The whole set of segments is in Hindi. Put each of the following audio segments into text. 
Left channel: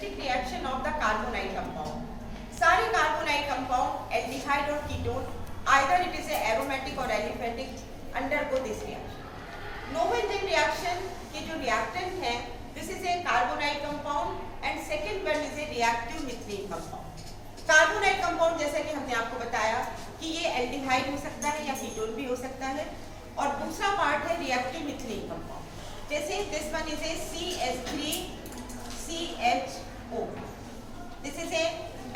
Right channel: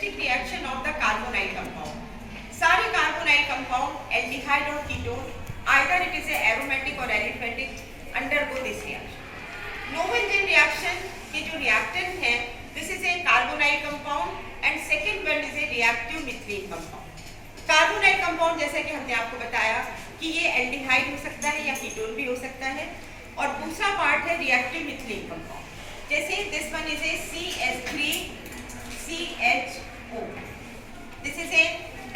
Characteristic reaction of the carbonyl compound. सारे कार्बोनाइल कंपाउंड एल्डिहाइड और ketone either it is aromatic और aliphatic undergo this reaction. Knoevenagel reaction के जो रिएक्टेंट हैं this is a carbonyl compound and second one is a reactive methyl compound. Carbonyl compound जैसे कि हमने आपको बताया कि ये एल्डिहाइड हो सकता है या कीटोन भी हो सकता है, और दूसरा पार्ट है रिएक्टिव मिथाइल कंपाउंड। जैसे this one is a CH3CHO, this is a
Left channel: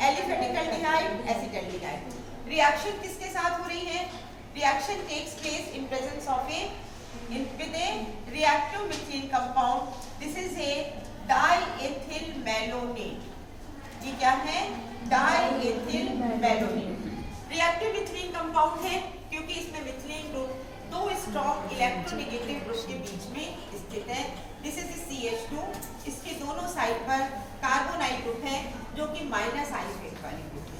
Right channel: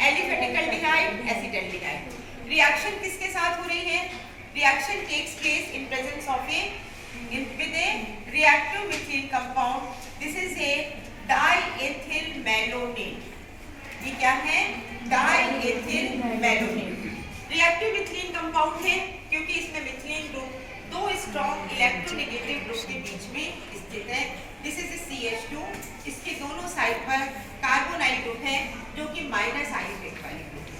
aliphatic aldehyde acetaldehyde. Reaction किसके साथ हो रही है? Reaction takes place in presence of with a reactive methyl compound. This is a diethyl malonate. ये क्या है? diethyl malonate. Reactive methyl compound है क्योंकि इसमें मिथाइल ग्रुप दो स्ट्रॉन्ग इलेक्ट्रोनेगेटिव ग्रुप के बीच में स्थित है। दिस इज CH2, इसके दोनों साइड पर कार्बोनाइल ग्रुप है जो कि माइनस आयनिक वाली ग्रुप है।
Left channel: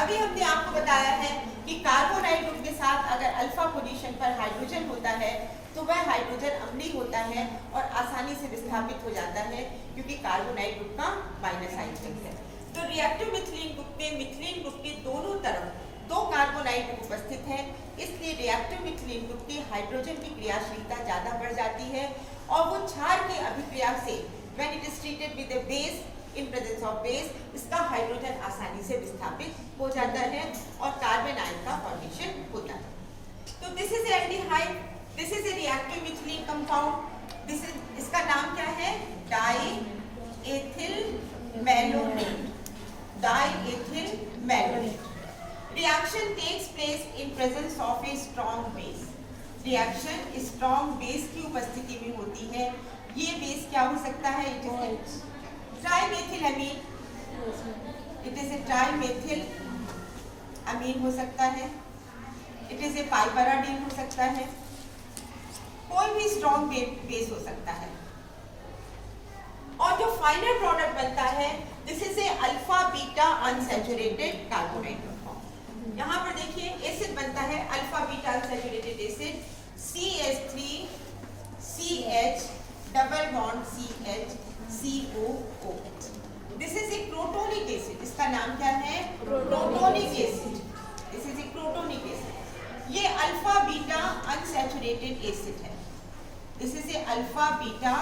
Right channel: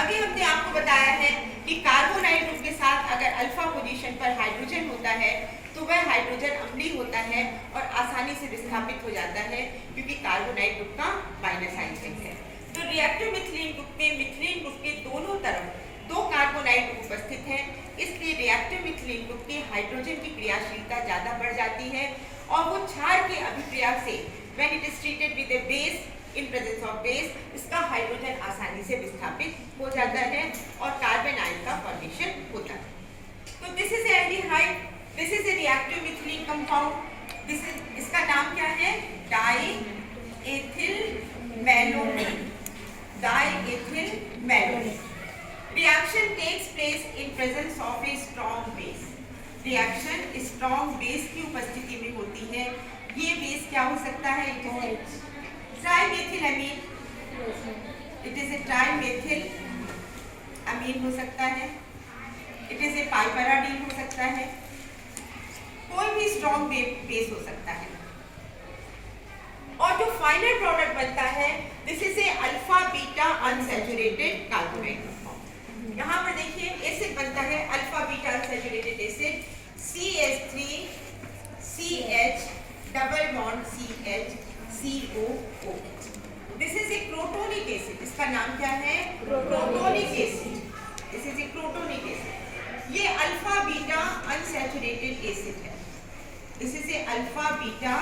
अभी हमने आपको बताया है कि कार्बोनाइल ग्रुप के साथ अगर अल्फा पोजीशन पर हाइड्रोजन होता है तो वह हाइड्रोजन अम्लीय होता है और आसानी से विस्थापित हो जाता है क्योंकि कार्बोनाइल ग्रुप का माइनस आयनिक है। तो रिएक्टिव मिथाइल ग्रुप के दोनों तरफ दो कार्बोनाइल ग्रुप उपस्थित है, इसलिए रिएक्टिव मिथाइल ग्रुप की हाइड्रोजन की क्रियाशीलता ज्यादा बढ़ जाती है और वो क्षार के अभिक्रिया से when it is treated with A base in presence of base इसका हाइड्रोजन आसानी से विस्थापित हो जाता है और कार्बन आयन का फॉर्मेशन होता है। तो this is aldehyde, this is a reactive methyl compound, this is इसका नाम क्या है? Diethyl malonate. Diethyl malonate. Reaction takes place in presence of a strong base. Reaction strong base की उपस्थिति में होती है। ये बेस क्या हो सकता है? ट्राइमेथिल अमीन, इट इज ए ट्राइमेथिल अमीन हो सकता है, इट इज ए पाइपराडीन हो सकता है, कोई भी स्ट्रॉन्ग बेस हो सकता है। और जो फाइनल प्रोडक्ट बनता है this is A alpha beta unsaturated carbonyl compound. यहाँ पर देखिए एसिड बनता है alpha beta unsaturated acid CH3 CH double bond CH COOH। This is A crotonic acid, इसका नाम क्या है? Crotonic acid. This is A crotonic acid. ये अल्फा बीटा अनसैचुरेटेड एसिड है। This is A alpha beta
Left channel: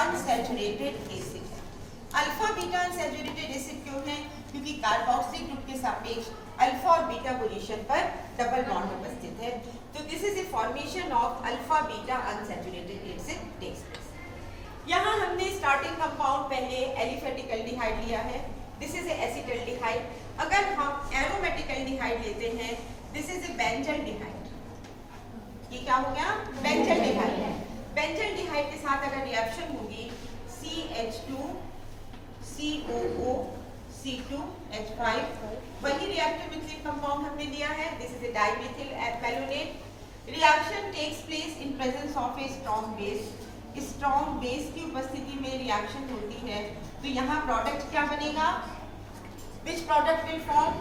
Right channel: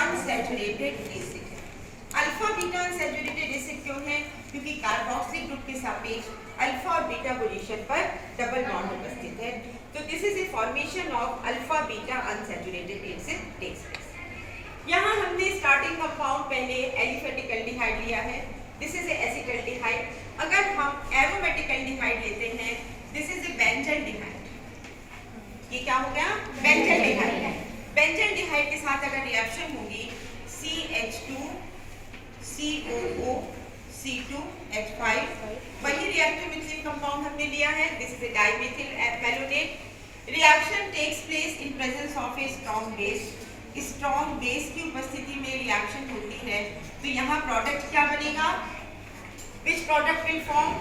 unsaturated acid है। अल्फा बीटा अनसैचुरेटेड एसिड क्यों है? क्योंकि कार्बोक्सिलिक ग्रुप के सापेक्ष अल्फा और बीटा पोजीशन पर डबल बॉन्ड उपस्थित है। तो this is a formation of alpha beta unsaturated acid takes place. यहाँ हमने स्टार्टिंग कंपाउंड पहले एलिफेटिक एल्डिहाइड लिया है, दिस इज ए एसिटाल्डिहाइड। अगर हम एरोमेटिक एल्डिहाइड लेते हैं दिस इज ए बेंजल्डिहाइड। ये क्या हो गया? बेंजल्डिहाइड। बेंजल्डिहाइड के साथ अगर रिएक्शन होगी CH2 COO C2H5, वही रिएक्टिव मिथाइल कंपाउंड हमने लिया है। This is a dimethyl malonate. Reaction takes place in presence of a strong base. Strong base की उपस्थिति में रिएक्शन होती है तो यहाँ प्रोडक्ट क्या बनेगा? Which product will form?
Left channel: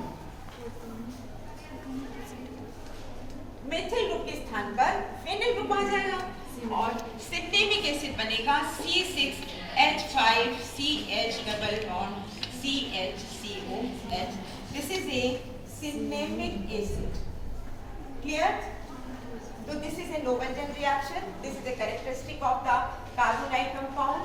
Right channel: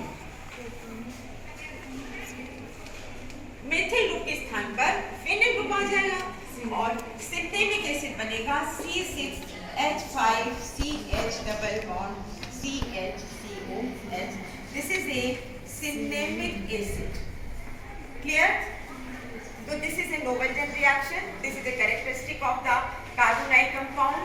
Methyl group के स्थान पर फेनिल ग्रुप आ जाएगा और सिनेमिक एसिड बनेगा C6H5 CH double bond CHCOH। This is A cinnamic acid. Clear? So this is a Noble-Jen reaction. This is a characteristic of the carbonyl compound.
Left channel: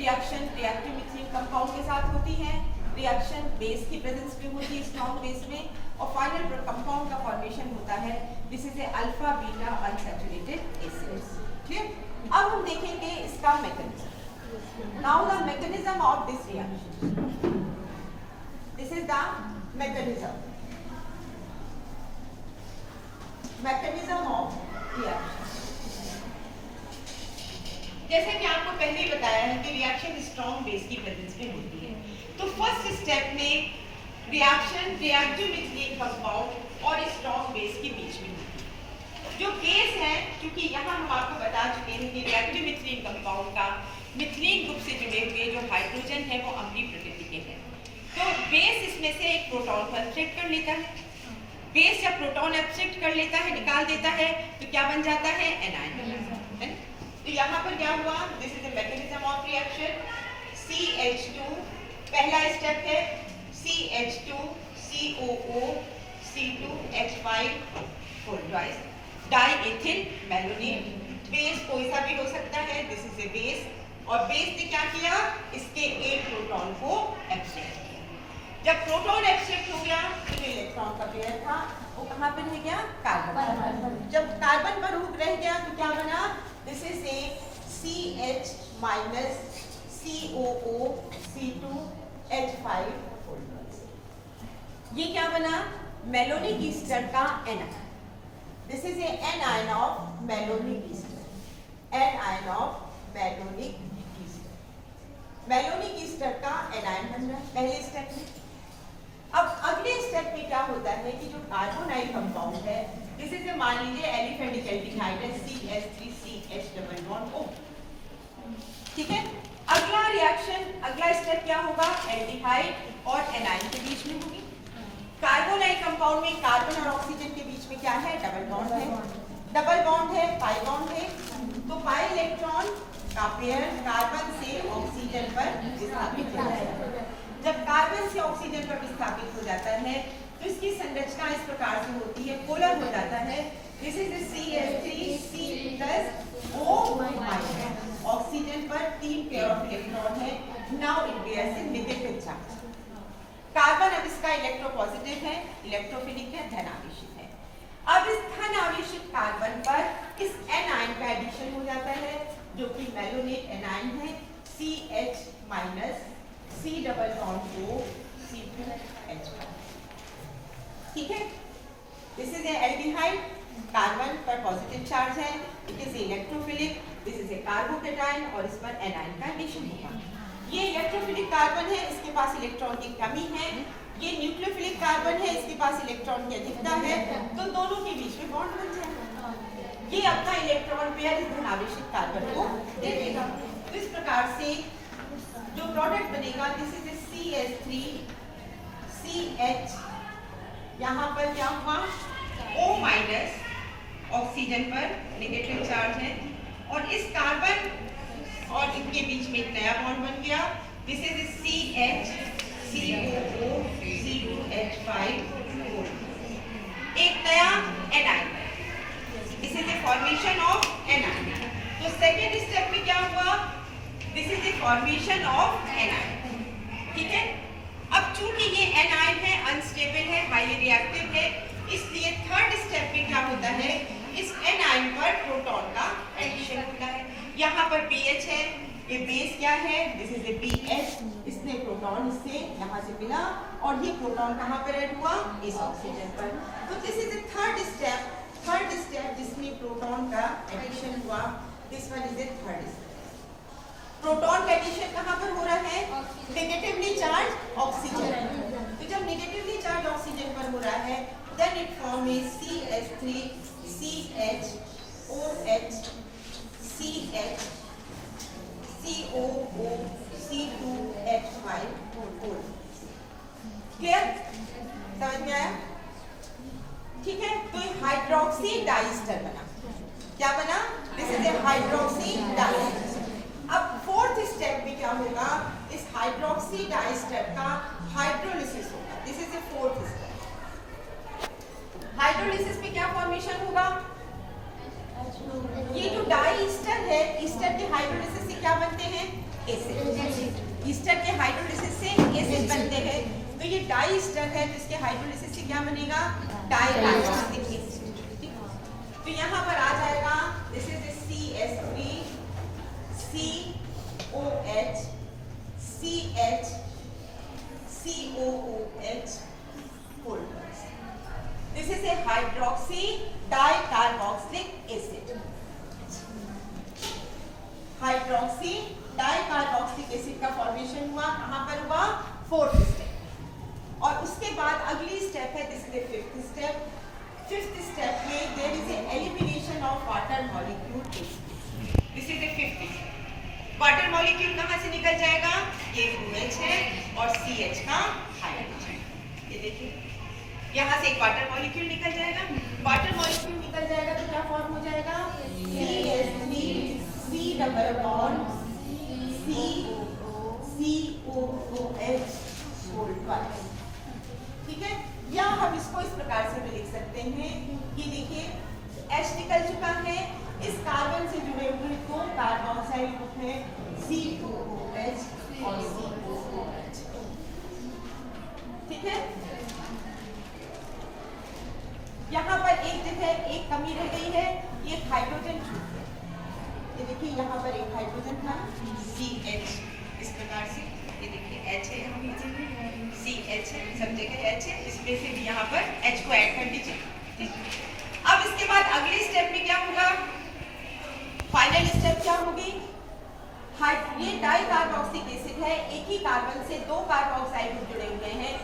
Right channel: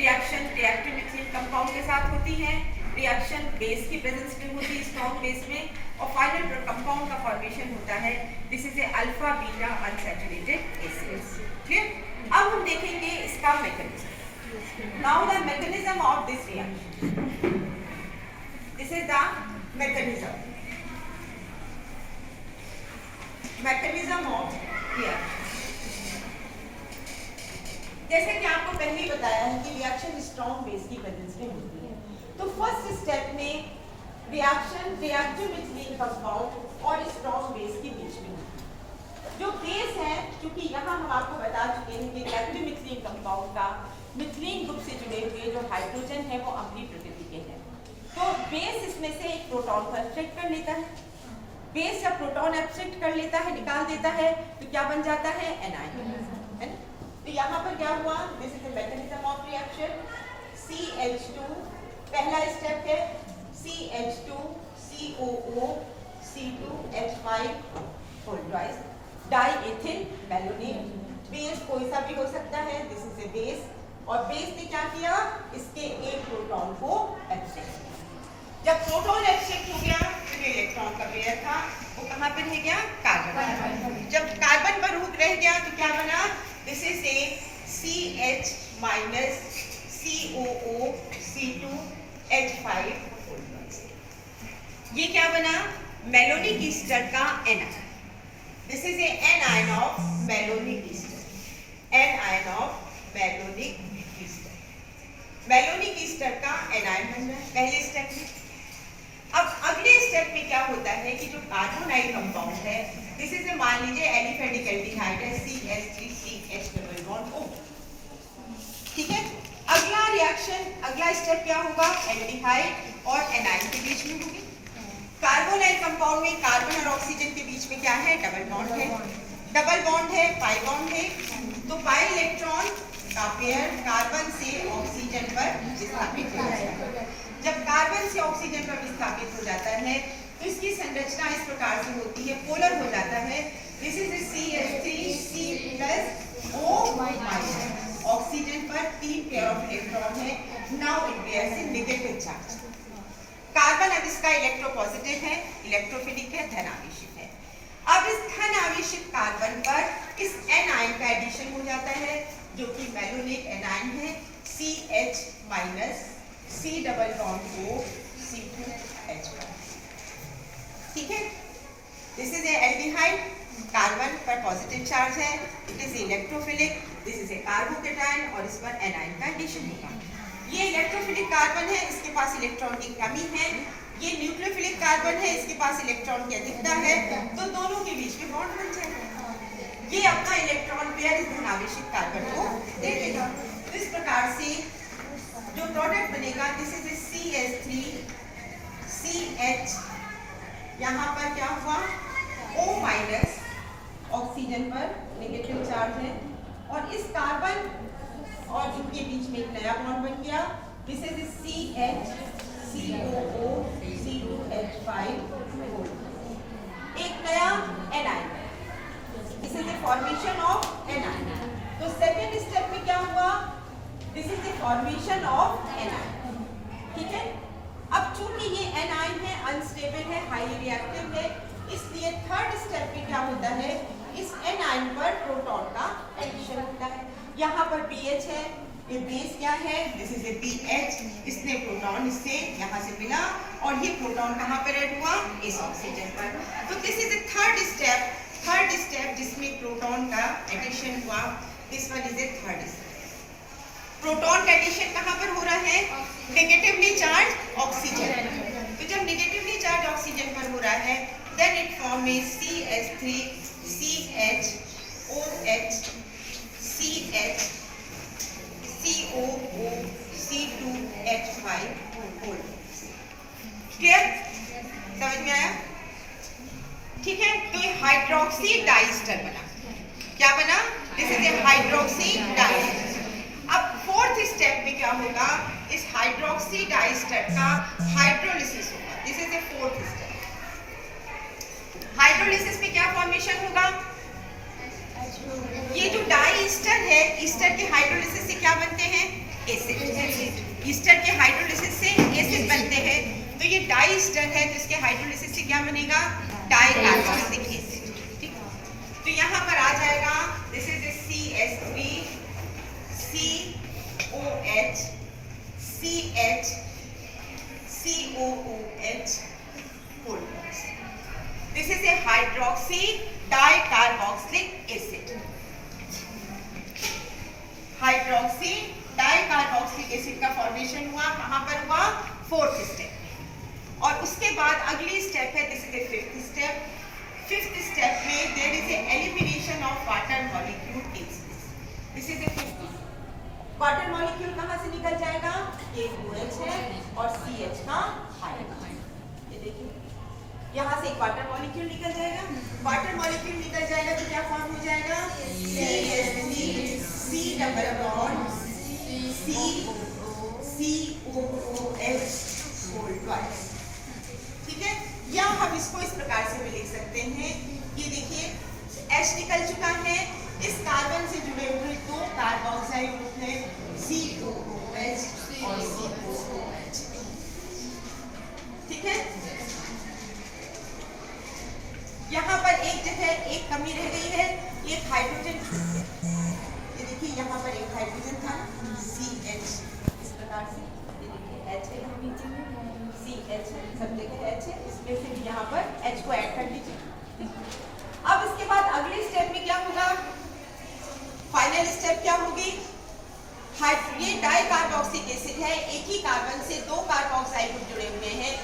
Reaction reactive methyl compound के साथ होती है। Reaction base की presence में होती है strong base में और final compound का formation होता है। This is a alpha beta unsaturated acids. Clear? अब हम देखेंगे इसका mechanism. Now the mechanism of this reaction. This is the mechanism. Mechanism of reaction. जैसे कि आपको पहले ही बताया है कि रिएक्शन स्ट्रॉन्ग बेस की प्रेजेंस में होती है। तो फर्स्ट स्टेप में रिएक्शन रिएक्टिव मिथाइल कंपाउंड और स्ट्रॉन्ग बेस के बीच में होती है। जो बेस है, क्योंकि यहाँ हम आपको बता चुके हैं कि रिएक्टिव मिथाइल कंपाउंड का मिथाइल ग्रुप से जुड़े हुए जो हाइड्रोजन है वो अम्लीय प्रकृति के हैं। तो बेस इसमें से एक प्रोटॉन को एब्स्ट्रैक्ट कर लेता है। बेस जब प्रोटॉन एब्स्ट्रैक्ट कर लेता है, निकाल देता है, तो क्या बन जाता है? एनायन। तो यहाँ पर क्या हुआ? This is the mechanism of reaction. CH2, पहला स्टेप है CH2 COO C2H5 full twice diethyl malonate. Base कोई सा भी हो सकता है, दिस इज ए बेस, और बेस ने क्या किया, इसके एक प्रोटॉन को एक्सेप्ट किया। जब प्रोटॉन एक्सेप्ट हो गया तो जो इलेक्ट्रॉन का पेयर था वो कहाँ पर रह गया, कार्बन पर। जब कार्बन पर रह गया तो क्या बना, this is A CH minus COO C2H5 full twice. ये क्या बना, मैलोनिक ईस्टर का anion. This is A anion of malonic Easter, anion of malonic Easter. Malonic Easter का एनायन बन रहा है पहले स्टेप में। अब अगले स्टेप में क्या होता है कि जो कार्बोनाइल कंपाउंड है, दिस इज ए, मान लीजिए एलिफेटिक एल्डिहाइड है CH3CH डबल बॉन्ड O, ठीक है। अगला रिएक्शन, अगला स्टेप क्या होगा, एल्डिहाइड और एनायन के बीच में होगी। कार्बोनाइल कंपाउंड में कार्बन और ऑक्सीजन के बीच में क्या है, डबल बॉन्ड है, डबल बॉन्ड है, पाई बॉन्ड है। तो पाई इलेक्ट्रॉन का पेयर कार्बन से ऑक्सीजन पर विस्थापित हो जाता है। जब कार्बन से ऑक्सीजन पर विस्थापित हो जाता है तो इसकी संरचना इस प्रकार से होती है, पोलर हो जाता है। This is CH3C plus O-, oxygen पर 3 पेयर ऑफ इलेक्ट्रॉन है। Now it bears a negative charge. Carbon अब इसका इलेक्ट्रोपॉजिटिव है, इलेक्ट्रोफिलिक है, धनावेशित है। अब इस धनावेशित कार्बन पर इस एनायन का एडिशन हो जाता है जो कि मैलोनेट एनायन है CH minus C double bond O C2H5, ठीक है। This is A aldehyde, carbon पर पॉजिटिव चार्ज है, it is electrophilic, this is A carbocation और इस पर एनायन का एडिशन होगा। ये इलेक्ट्रोफिलिक कार्बन है, इसके पास इलेक्ट्रॉन की कमी है। ये न्यूक्लियोफिलिक कार्बन है, इसके पास इलेक्ट्रॉन की अधिकता है, तो दोनों के बीच में बॉन्ड बन जाएगा। ये अपना इलेक्ट्रॉन पेयर इस धनावेशित कार्बन को दे देगा। तो इस प्रकार से जो प्रोडक्ट बनेगा, this is A CH3 CH, यहाँ पर क्या हुआ, O माइनस, ऑक्सीजन पर नेगेटिव चार्ज है, और इस कार्बन और इनके बीच में एक नया बॉन्ड बन गया। This is CH COO C2H5, एक नया anion, this is a formation of anion. तो सेकेंड स्टेप में क्या हुआ, this is a formation of anion, ठीक है। अब चूंकि ये एनायन है, अनस्टेबल है, हाईली रिएक्टिव है, इसलिए थर्ड स्टेप में क्या होता है, इस एनायन पर प्रोटॉन का एडिशन होता है। यहाँ पर BH है, ये बेस क्या है, दिस इज ए BH, इसने प्रोटॉन इससे यहाँ से मिला और ये प्रोटॉन कहाँ पर ऐड हुआ, इस ऑक्सीजन पर। तो this is A third step जिसमें प्रोटॉन का एडिशन हुआ। This one is A third step. Proton का एडिशन कहाँ पर हो रहा है, नेगेटिवली चार्ज ऑक्सीजन। तो जब नेगेटिवली चार्ज ऑक्सीजन पर हो रहा है, then it form a CH3 CH OH CH COO C2H5 full. Clear, समझ में आया, ठीक है। तो ये हाइड्रोक्सी डाइस्टर बना, क्या बना, this is A hydroxy diester. अब फोर्थ स्टेप में क्या होगा, इस हाइड्रोक्सी डाइस्टर का हाइड्रोलिसिस होगा। This is A fourth step. Hydrolysis में क्या फॉर्मेशन होगा, ये जो डाई ईस्टर है, ईस्टर के हाइड्रोलिसिस से क्या बनते हैं, एसिड। ईस्टर के हाइड्रोलिसिस से एसिड बनते हैं। तो ये डाई ईस्टर है, तो इसके हाइड्रोलिसिस से क्या बनेगा, डाई कार्बोक्सिलिक एसिड। तो यहाँ पर आ जाएगा, this is CH3 COH CH COOH full. This is A hydroxy dicarboxylic acid. Hydroxy dicarboxylic acid का फॉर्मेशन हुआ, कहाँ पर हुआ, फोर्थ स्टेप। और उसके बाद अगली स्टेप है, this is a fifth step. Fifth step में there is a elimination of water molecule. This is a fifth step. Water molecule कहाँ से निकल जाएगा, ये OH है और CH का हाइड्रोजन। ये देखिए, यहाँ से एक वाटर मॉलिक्यूल निकल जाएगा। वाटर मॉलिक्यूल निकल जाएगा तो क्या फॉर्म हो जाएगा, CH3 C double bond C COOH whole twice. ठीक है, या हम इसको इस प्रकार से भी लिख सकते हैं, ये देखिए H निकल चुका है, इस कार्बन से जुड़े हुए दो कार्बोक्साइड ग्रुप है COOH और COOH। ठीक है, यहाँ पर एक जगह एक कमी रह गई है, एक हाइड्रोजन छूट गया। ये देखिए यहाँ पर एक हाइड्रोजन था CH, इस प्रकार से ये देखिए H है, यहाँ बीच में CH है, सब जगह H है, इसमें से भी यहाँ पर H को ऐड कर दीजिए। ठीक, अब इसके बाद अगले स्टेप में क्या होगा, फाइनल स्टेप क्या होगी, ये डाई कार्बोक्सिलिक एसिड है, एक ही कार्बन से दो कार्बोक्साइड ग्रुप जुड़े हुए हैं,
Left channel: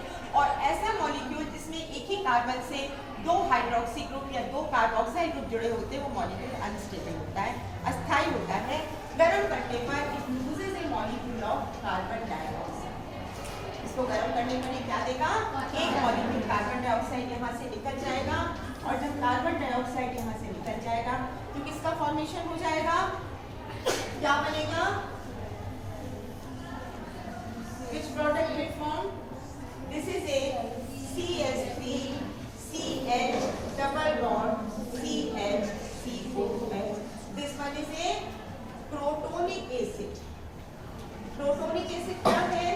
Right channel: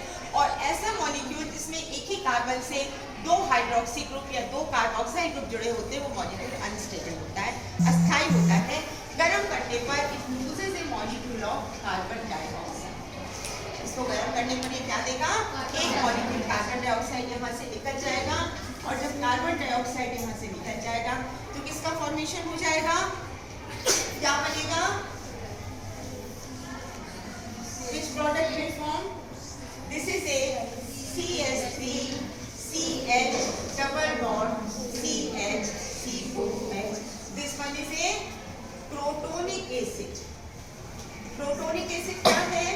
और ऐसा मॉलिक्यूल जिसमें एक ही कार्बन से दो हाइड्रोक्सी ग्रुप या दो कार्बोक्साइड ग्रुप जुड़े होते हैं, वो मॉलिक्यूल अनस्टेबल होता है, अस्थायी होता है। गर्म करने पर it loses A molecule of carbon dioxide. इसको गर्म करने पर ये क्या देगा, एक मॉलिक्यूल कार्बन डाइऑक्साइड यहाँ से निकल जाएगा, और जब कार्बन डाइऑक्साइड यहाँ से निकल जाएगा तो किसका फॉर्मेशन हो जाएगा, क्या बनेगा, which product will form, this is a CH3 CH double bond CH COH, this one is a protonic acid। protonic acid क्या है,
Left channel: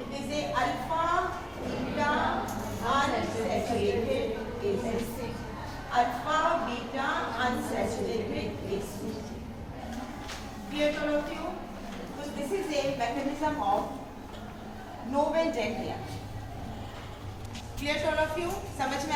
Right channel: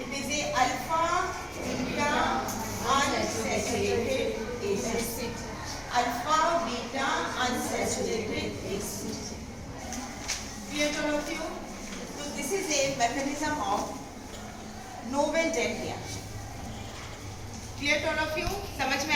it is a alpha beta unsaturated acid, alpha beta unsaturated acid। Clear to all of you? So this is a mechanism of Nobel Jet reaction। Clear to all of you? समझ में